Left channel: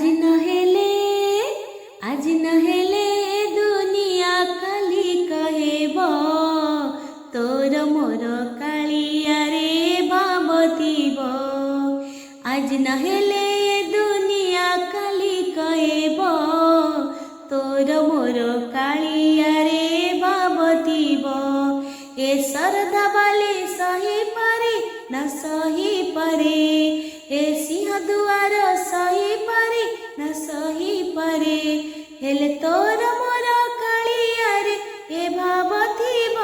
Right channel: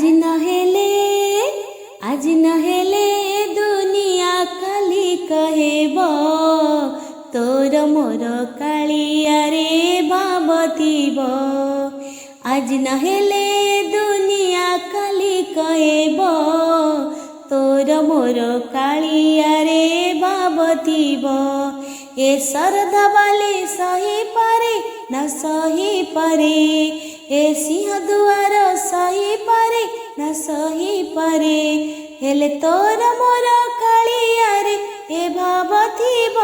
आज नहेले दुनिया काली कहेब तोर मोर कालिया रे भावतीब। आज नहेले दुनिया काली कहेब तोर मोर कालिया रे भावतीब। ए श्रद्धा बाले सही पारे न सही पारे, ए सिंह दुआर सही पारे न सही पारे, हेले तोर मोर कालिया रे ए भावतीब।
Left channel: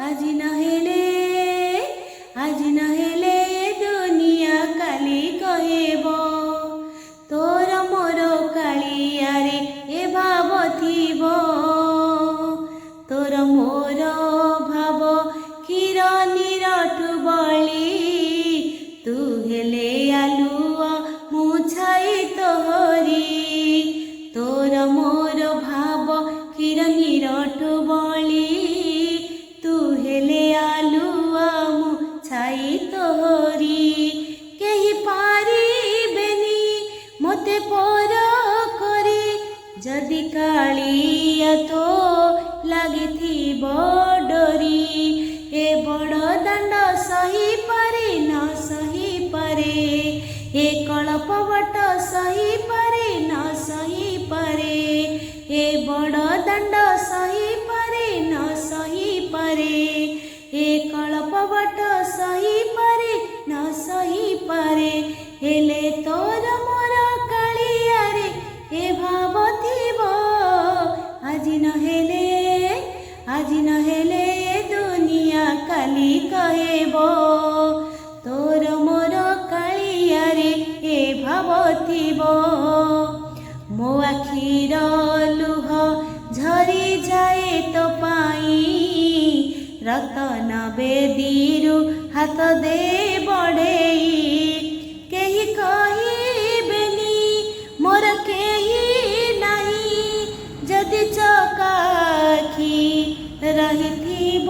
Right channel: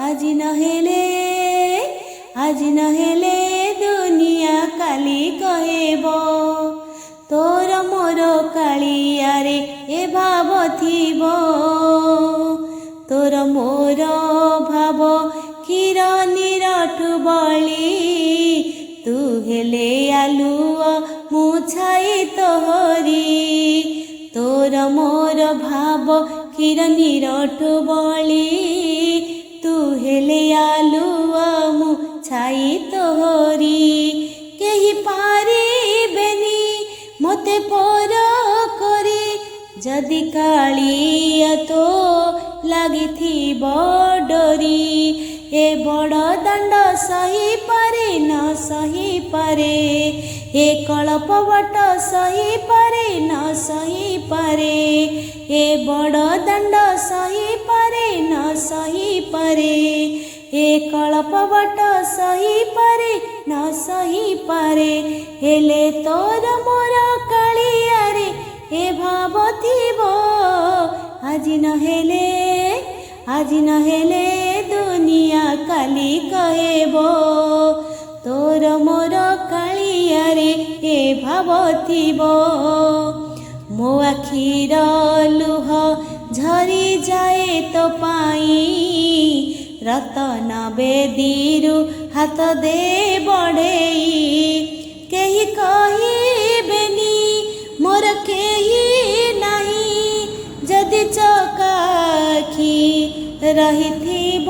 आज नहेले दुनिया काली कहेब तोर मोर कालिया रे ए भावतीब। तोर मोर भाव क्षीर निरठु बली, तू हेले आलुआ मुछाई तोहरी। तोर मोर भाव क्षीर निरठु बली, तू हेले आलुआ मुछाई तोहरी। केही पारिबेनी मते पर करी, जदि कालिया तो लागिथिब डोरी। ए बड़ दंड सही पारे न सही पारे, ए कल्पवट सही पारे न सही पारे, ए बड़ दंड सही पारे न सही पारे, ए कल्पवट सही पारे न सही पारे, हेले तोर मोर कालिया रे ए भावतीब। आज नहेले दुनिया काली कहेब तोर मोर कालिया रे ए भावतीब। मो आखिर लुह झरी जाए तो पाई, रतन बेदीरु हाथ दे बड़ेई। केही कहिबेनी मोर केही नाही, जदि चकाखी रहिथिब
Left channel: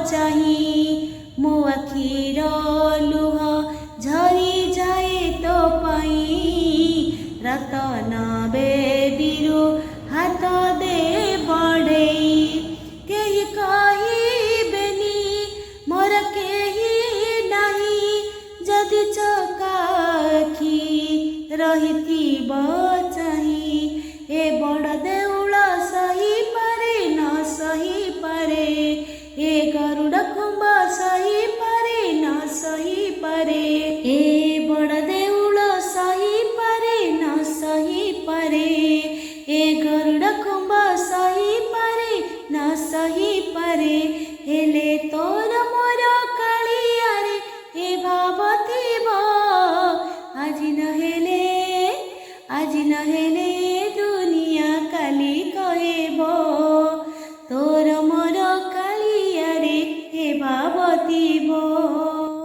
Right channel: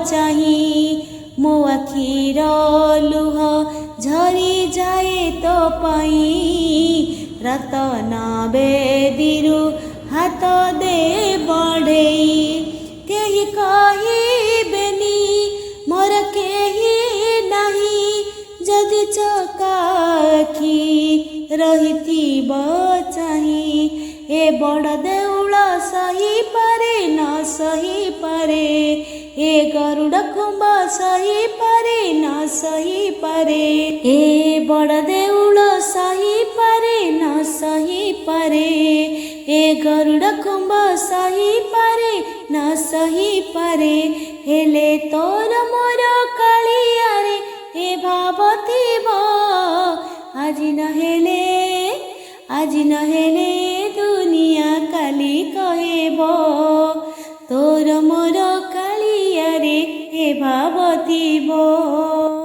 चाही। मो आखिर लुह झरी जाए तो पाई, रतन बेदीरु हाथ दे बड़ेई। केही कहिबेनी मोर केही नाही, जदि चकाखी रहिथिब चाही। ए बड़ देउल सही पारे न सही पारे, ए गरुड़ कुंभ सही पारे न सही पारे, ए बड़ देउल सही पारे न सही पारे, ए गरुड़ कुंभ सही पारे न सही पारे, हेले तोर मोर कालिया रे ए भावतीब। आज नहेले